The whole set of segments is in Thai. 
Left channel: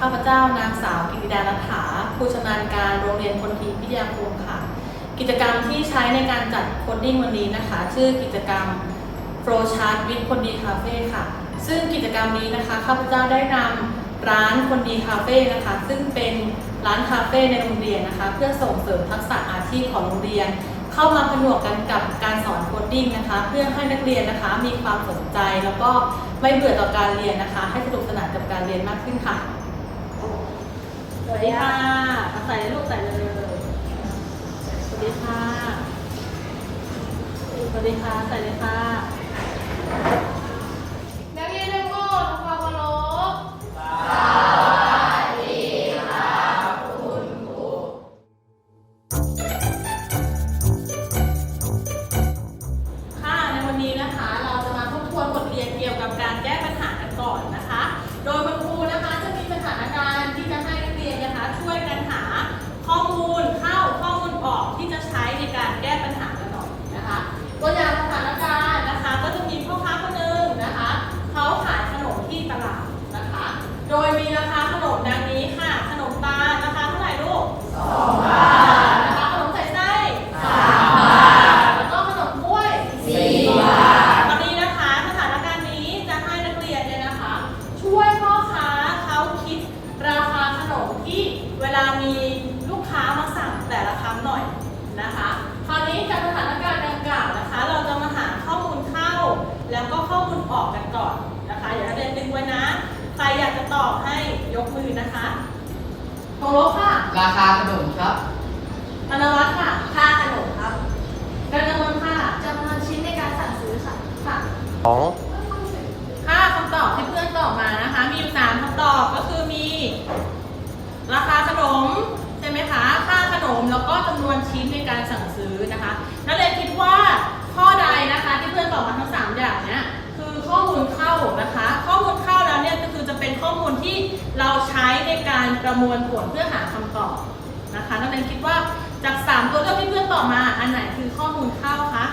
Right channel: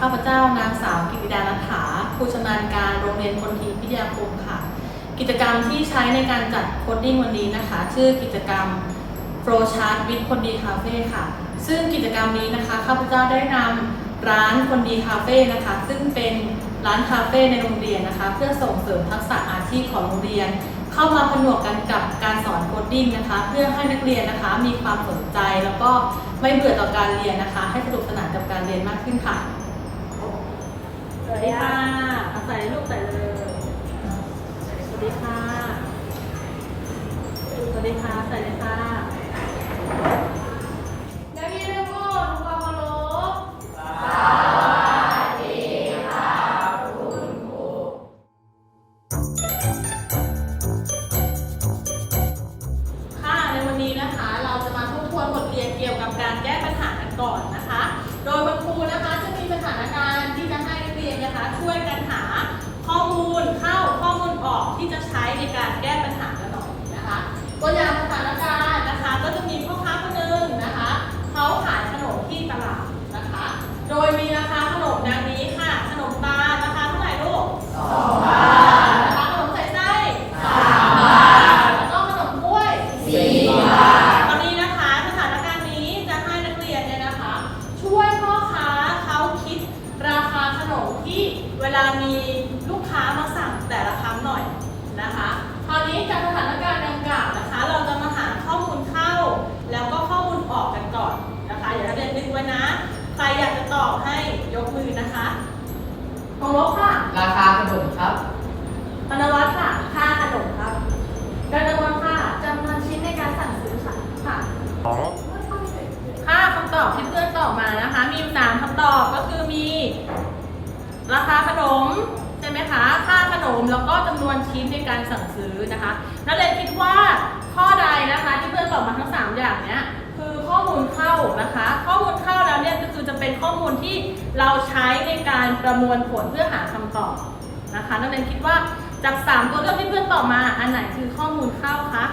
ข้าพเจ้านางสาวกิติดาลัฐาครูชำนาญการโรงเรียนพลทีพิทยาคมค่ะ กิจกรรมที่ใช้ในการจัดโคดดิ้งวันนี้นะคะ ชื่อกิจกรรม Flow Chart with คนดีคาเฟ่ค่ะ ซึ่งกิจกรรมนี้นะคะข้าพเจ้าได้นำร้านคนดีคาเฟ่นะคะ ซึ่งเป็นร้านคาเฟ่ในโรงเรียนนะคะ เพื่อส่งเสริมทักษะอาชีพของโรงเรียน เข้ามาผนวกกันกับการสอนโคดดิ้งนะคะ เพื่อให้นักเรียนนะคะมีความสนใจแล้วก็ไม่เบื่อต่อการเรียนนะคะ ให้สนุกสนานกับการเรียนมากขึ้นค่ะ วัสดีค่ะอาใส่ลูกใส่เลยสวัสดีค่ะ สวัสดีค่ะใส่เลยค่ะนักเรียนทั้งหมดทำความเคารพค่ะ ในวันนี้นะคะ เราจะมาทบทวนบทเรียนเกี่ยวกับการแก้ปัญหากันก่อนนะคะ โดยคุณครู รงลบค่ะราคาขนมครับธนวัฒน์ค่ะ ค่าขนมครับกันนวลค่ะจำนวนชิ้นในการสั่งซื้อค่ะค่ะ อ๋อค่าคำตอบที่เพื่อนตอบมานะคะ มีอยู่สามคำตอบก็คือมี ราคาขนมใช่ไหมคะ ค่าขนมแล้วก็จำนวนชิ้นในการสั่งซื้อนะคะ นักเรียนคิดว่าข้อใดนะคะ ที่เพื่อนตอบมาทั้งสามอย่างเนี้ย คือข้อมูลเข้านะคะ ข้อมูลเข้าแล้วเนี่ยก็คือจะเป็นข้อมูลที่เราใช้ในการประมวลผลเพื่อหาคำตอบนะคะนักเรียนคิดว่าจากสามตัวเลือกที่เพื่อนตอบมาอันไหนคือข้อมูลเข้าคะ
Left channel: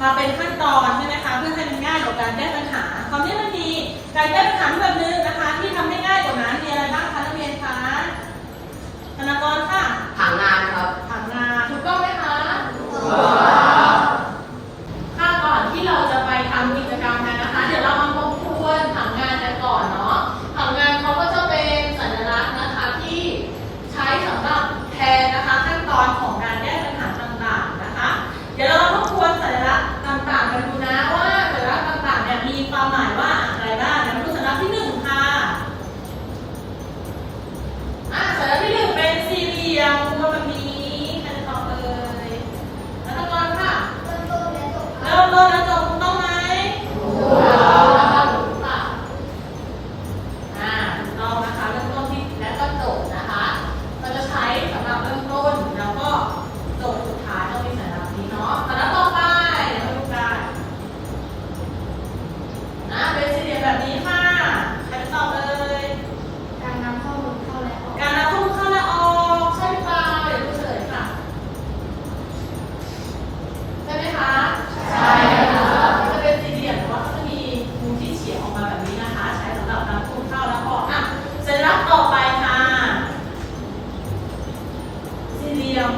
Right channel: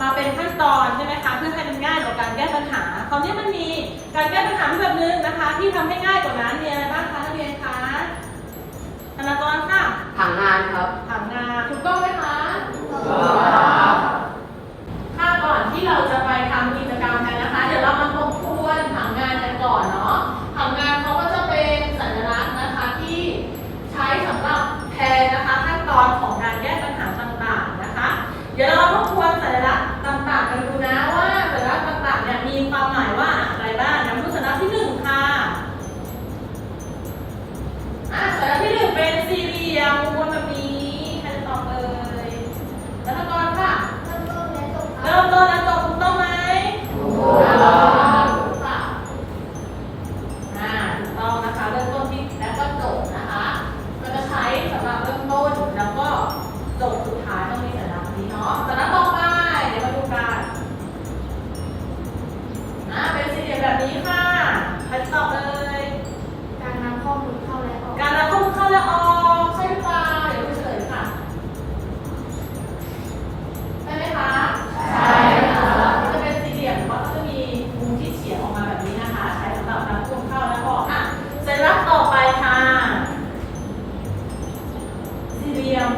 มาเป็นขั้นตอนใช่ไหมคะเพื่อให้มันง่ายต่อการแก้ปัญหาคราวนี้มันมีการแก้ปัญหาแบบนึงนะคะ ที่ทำให้ง่ายกว่านั้นมีอะไรบ้างคะนักเรียนคะธนากรค่ะผังงานครับถามงานถูกต้องไหมคะถ้ นี้ค่ะใครตอบเลยการนำข้อมูลเข้าและออก การนำข้อมูลเข้าและออกใช่หรือเปล่าเดี๋ยวดูเฉลยค่ะใช่ไหมคะใช่ค่ะจะเป็นสี่เหลี่ยมแต่ว่าจะมีมุมที่เฉียงออกมาแบบนี้นะคะ ใช้สำหรับนำข้อมูลเข้าและออกอะสัญลักษณ์ต่อไปค่ะสี่เหลี่ยม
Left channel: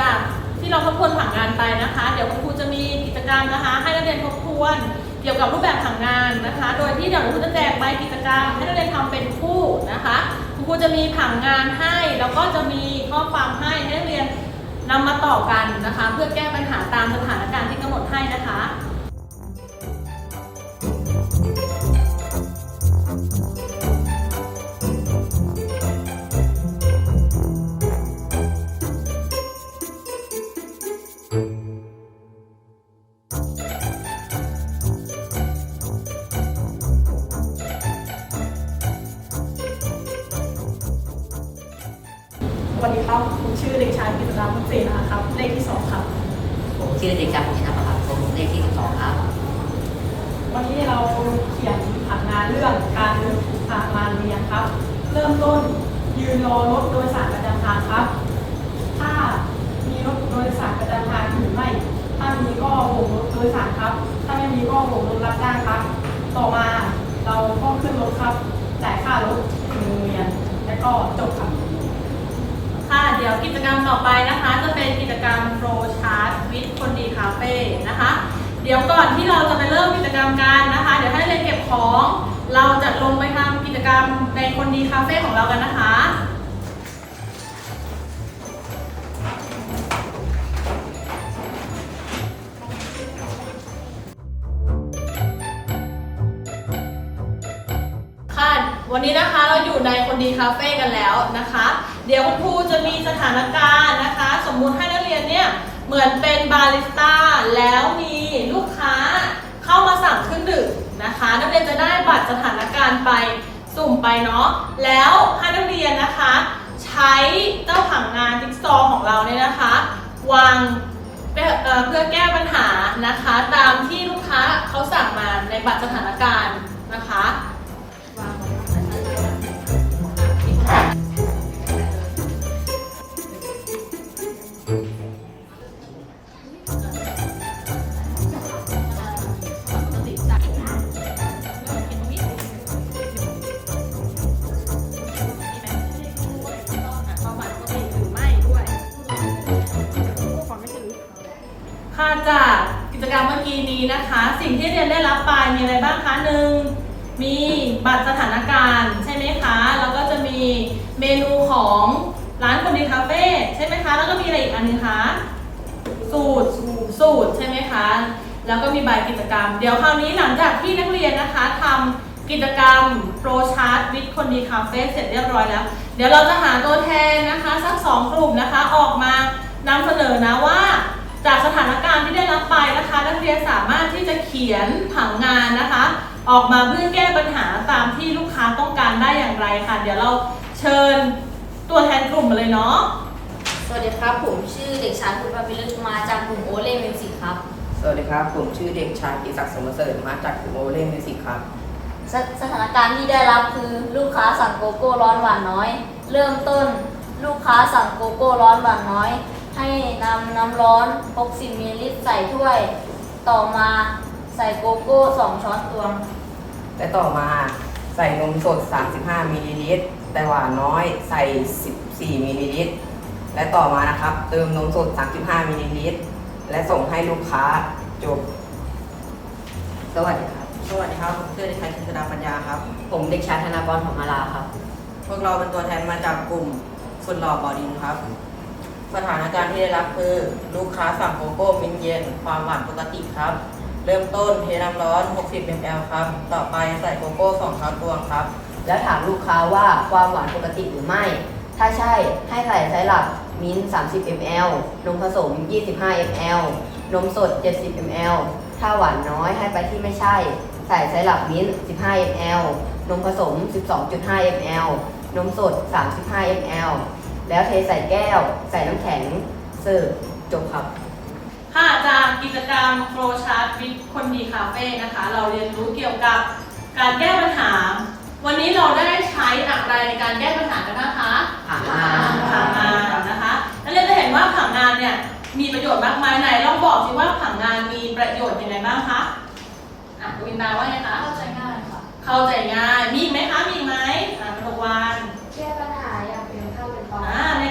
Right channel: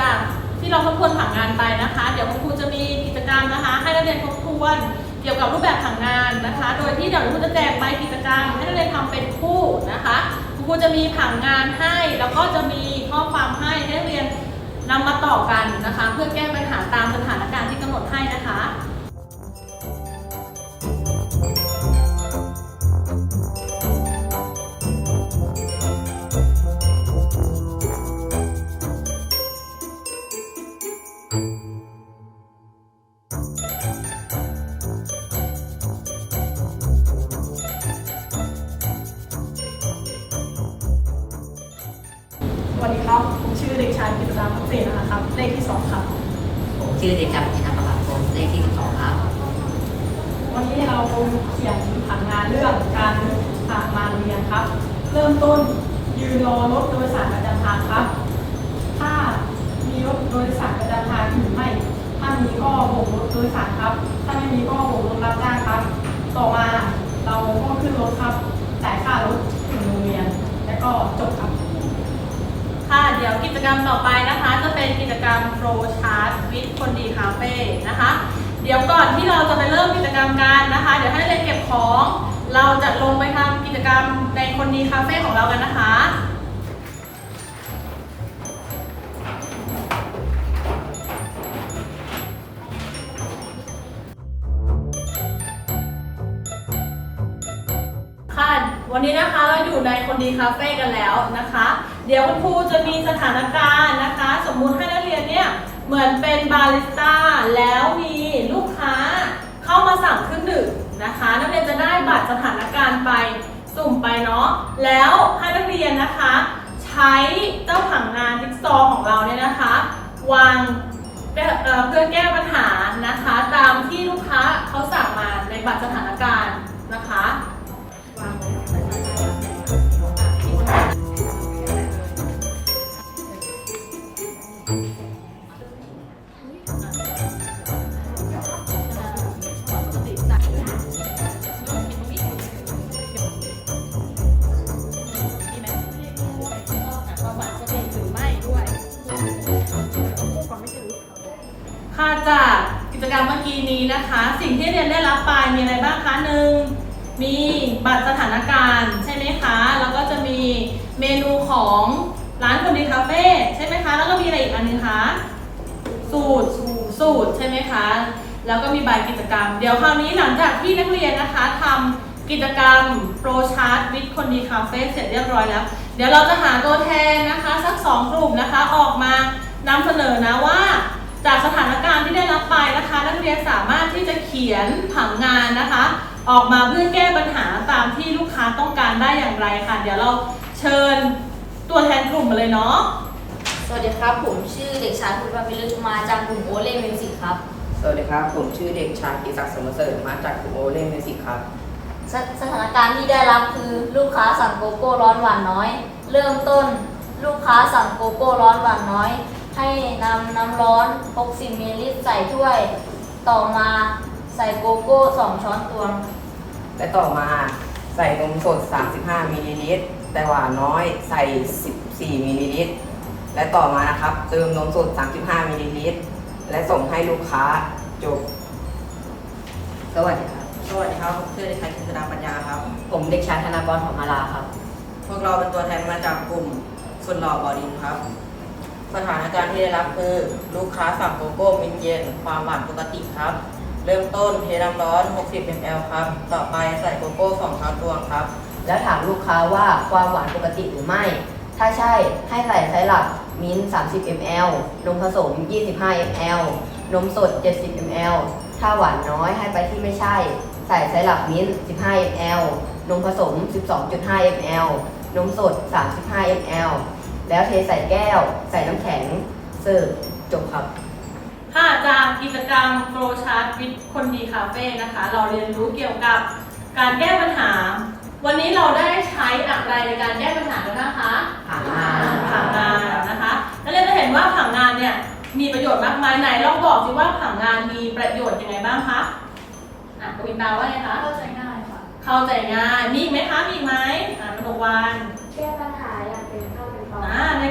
จากที่เราทบทวนผังงานไปนะคะ เดี๋ยวคุณครูจะมีกิจกรรมนะคะ ให้นักเรียนทบทวนเกี่ยวกับรูปแบบผังงานนะคะ โดยที่เดี๋ยวคุณครูจะแจกใบกิจกรรม ให้นักเรียนทำเป็นคู่นะคะ คุณครูจะมีผังงานให้ แล้วก็จะมีข้อความให้ให้นักเรียนนำมาต่อกันนะคะ เพื่อแก้ปัญหาตามสถานการณ์ที่กำหนดให้นะคะ ชื่อเด็กชายปณิธานครับผมเลขที่สองครับวันนี้เราเขียนผังงานเรื่องการทางการเรียนครับ เริ่มต้นยืนรอรถโดยสารประจำทางครับ ถ้ามีรถโดยสารประจำทางหรือไม่ถ้ามีก็โบกรถโดยสารครับ ถ้าไม่มีก็โบกรถรับจ้างครับ ต่อมาเราห้องขึ้นรถครับจ่ายค่ารถไปโรงเรียนแล้วก็จบครับค่ะเดี๋ยวกิจกรรมต่อไปนะคะ จะเป็นกิจกรรม Flow คนดีคาเฟ่นะคะ เดี๋ยวก่อนที่เราจะไปเริ่มกิจกรรมกันนะคะ เดี๋ยวให้เรียนเก็บของ เราจะลงไปทำกิจกรรมในคนดีคาเฟ่ของเรากันนะคะค่ะวันนี้นะคะเราอยู่ในคนดีคาเฟ่กันแล้วนะคะ เดี๋ยวคุณครูจะมีสถานการณ์นะคะ สมมุติให้นักเรียนเนี่ย เหมือนเป็นบาริสต้าแล้วมีลูกค้าเข้ามาสั่งเครื่องดื่มนะคะ นักเรียนจะได้บัตรสถานการณ์ไปสุ่มไปเนาะแล้วให้นักเรียนนะคะ ใช้เจ้าผังงานจิ๊กซอของเราเนี่ยนะคะ วางเพื่อเเพื่อแก้ปัญหานะคะ ตามที่ลูกค้าเขาสั่งมาในบัตรสถานการณ์นะคะค่ะ จากกิจกรรมเมื่อกี้นี้นะคะ สิ่งที่เรียนได้รับไปมีอะไรบ้างคะหนึ่งมีบัตรสถานการณ์ใช่ไหมคะ แล้วก็จะมีเมนูของร้านคนดีคาเฟ่ใช่ไหมคะ แล้วก็มีอะไรอีกอันนึงคะ สูตรสูตรใช่ไหมคะ แล้วก็มีใบกิจกรรม เดี๋ยวคราวนี้หลังจากที่นักเรียนนะคะทำกิจกรรมโปรชาร์ตวิทคนดีคาเฟ่เสร็จเรียบร้อยแล้ว เดี๋ยวเราจะหาตัวแทนนะคะสักสองกลุ่มนะคะออกมานำเสนอนะว่า จากสถานการณ์ที่ได้รับไปนะคะ นักเรียนสามารถที่จะเขียนผังงานนะคะ ออกมาเพื่อแก้ปัญหาตามที่ลูกค้าต้องการได้อย่างไรค่ะ เดี๋ยวเราเชิญตัวแทนกลุ่มมาเลยเนาะสวัสดีครับ ผมชื่อเด็กชายคุณพาพิรุมาจากกลุ่มโอเล่มิวสิกครับ สวัสดีครับ ผมชื่อเด็กชายกิศักดิ์สมเสริฐมาจากกลุ่มโอเล่มิวสิกครับสสถานการณ์ที่ได้รับคือลูกค้าสั่งโกโก้ร้อนหวานน้อย เริ่มต้น ลูกค้าสั่งโกโก้ร้อนหวานน้อย ให้นำน้ำร้อน 60มิลลิลิตรใส่ถ้วย ต่อมาใส่โกโก้ 2 ช้อนตวง และต่อมาใส่นมสด 35มิลลิลิตรแต่หวานน้อยใส่ 14มิลลิลิตรและต่อมานะครับ เติมนมสด 35มิลลิลิตรและส่งให้ลูกค้าจบ สวัสดีครับ สวัสดีครับผมชื่อเด็กชายกิษดาปัญญาครับ ผมเด็กชายธนากรของมาลาครับ พวกเราเป็นตัวแทนมาจากกลุ่มสุดหล่อบอดินครับ สถานการณ์ที่ได้รับคือ ลูกค้าสั่งโกโก้มินเย็น ความหวานปกติครับ เริ่มต้นเทน้ำร้อน 60 ml ครับ ต่อไปใส่โกโก้2ช้อนตวงครับ แล้วถามลูกค้าว่าความหวานปกติหรือไม่ ถ้าใช่ให้ใส่ไซรัปมิ้น 30 ml นมผสม 25 ml นมสด 70 ml ถ้าหวานน้อยให้ไปที่ไม่ใช่ ใส่ไซรัปมิ้น 15 ml นมผสม 12.5 ml นมสด 35 ml แล้วเทใส่แก้ว ใส่น้ำแข็งเสิร์ฟจบครับ ค่ะจากกิจกรรม Flow Chart with คนดีคาเฟ่นะคะ เราเรียนรู้เกี่ยวกับการแก้ปัญหา วันนี้เราได้ใช้อะไรในการแก้ปัญหากันบ้างคะผังงาน ผังงานนะคะนักเรียนจะเห็นว่าผังงานเนี่ยมีประโยชน์มากมายไหนลองบอกสิว่าผังงานมีประโยชน์ยังไงบ้างคะอะกวินดาว่าไงคะ เข้าใจง่ายค่ะ เข้าใจง่าย มีอีกไหมคะ มีอีกไหมอะนทวัน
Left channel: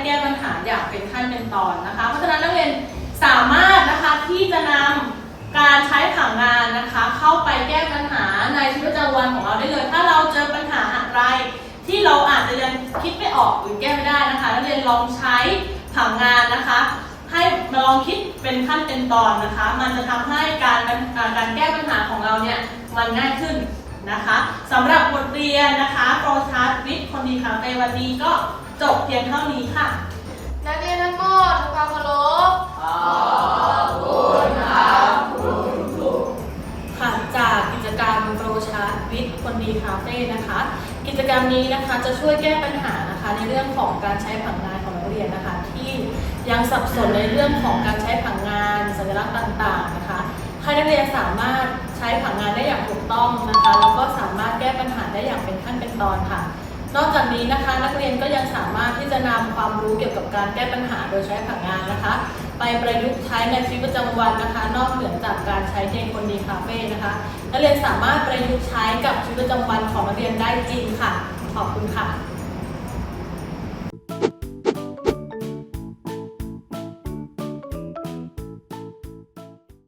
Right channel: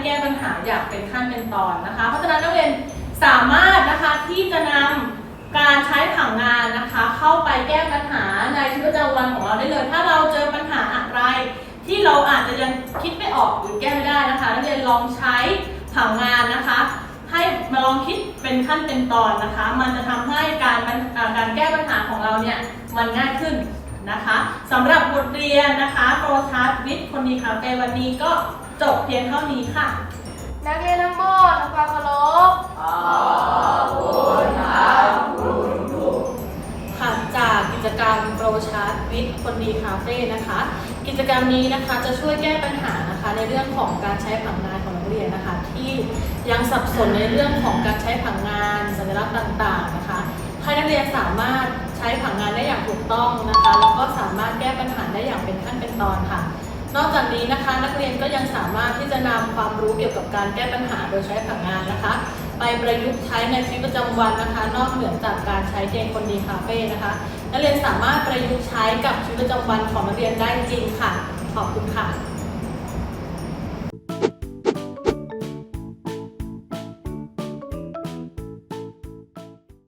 แก้ปัญหาอย่างเป็นขั้นเป็นตอนอ่าได้แก้ปัญหาอย่างเป็นขั้นเป็นตอนนะคะ เพราะฉะนั้นนักเรียนสามารถนะคะที่จะนำการใช้ผังงานนะคะ เข้าไปแก้ปัญหาในชีวิตประจำวันของเราได้เลย ถ้าเราเจอปัญหาอะไร ที่เราอาจจะยังคิดไม่ออกหรือแก้ไม่ได้นะคะนักเรียนลองใช้ผังงานนะคะ ให้มาลองคิดเป็นขั้นเป็นตอนนะคะ มันจะทำให้การการแก้ปัญหาของเราเนี่ยมันง่ายขึ้นนะคะสำหรับบทเรียนนะคะโปรชาร์ตวิทย์คนดีคาเฟ่วันนี้ก็ จบเพียงเท่านี้ค่ะ นักเรียนทั้งหมดทำความเคารพค่ะจากกิจกรรมโปรชาร์ตวิทย์คนดีคาเฟ่นะคะ กิจกรรมนี้นะคะจะช่วยแก้ปัญหานะคะในเรื่องของการใช้ผังงานของนักเรียนนะคะ ที่ยังสับสนในเรื่องของการใช้ผังงาน สัญลักษณ์ต่างๆนะคะให้นักเรียนสามารถใช้ผังงานได้อย่างถูกต้องนะคะ แล้วก็สามารถแก้ปัญหาได้อย่างเป็นขั้นเป็นตอนค่ะ นอกจากนี้นะคะ นักเรียนก็ยังสามารถที่จะนำความรู้เกี่ยวกับการแก้ปัญหาโดยใช้ผังงานนะคะ ไปประยุกต์ใช้ในชีวิตประจำวันนะคะ นอกเหนือจากการใช้เกมคนดีคาเฟ่นะคะ นักเรียนสามารถประยุกต์ใช้กับชีวิตประจำวันของนักเรียนได้จริงค่ะ ขอบคุณค่ะ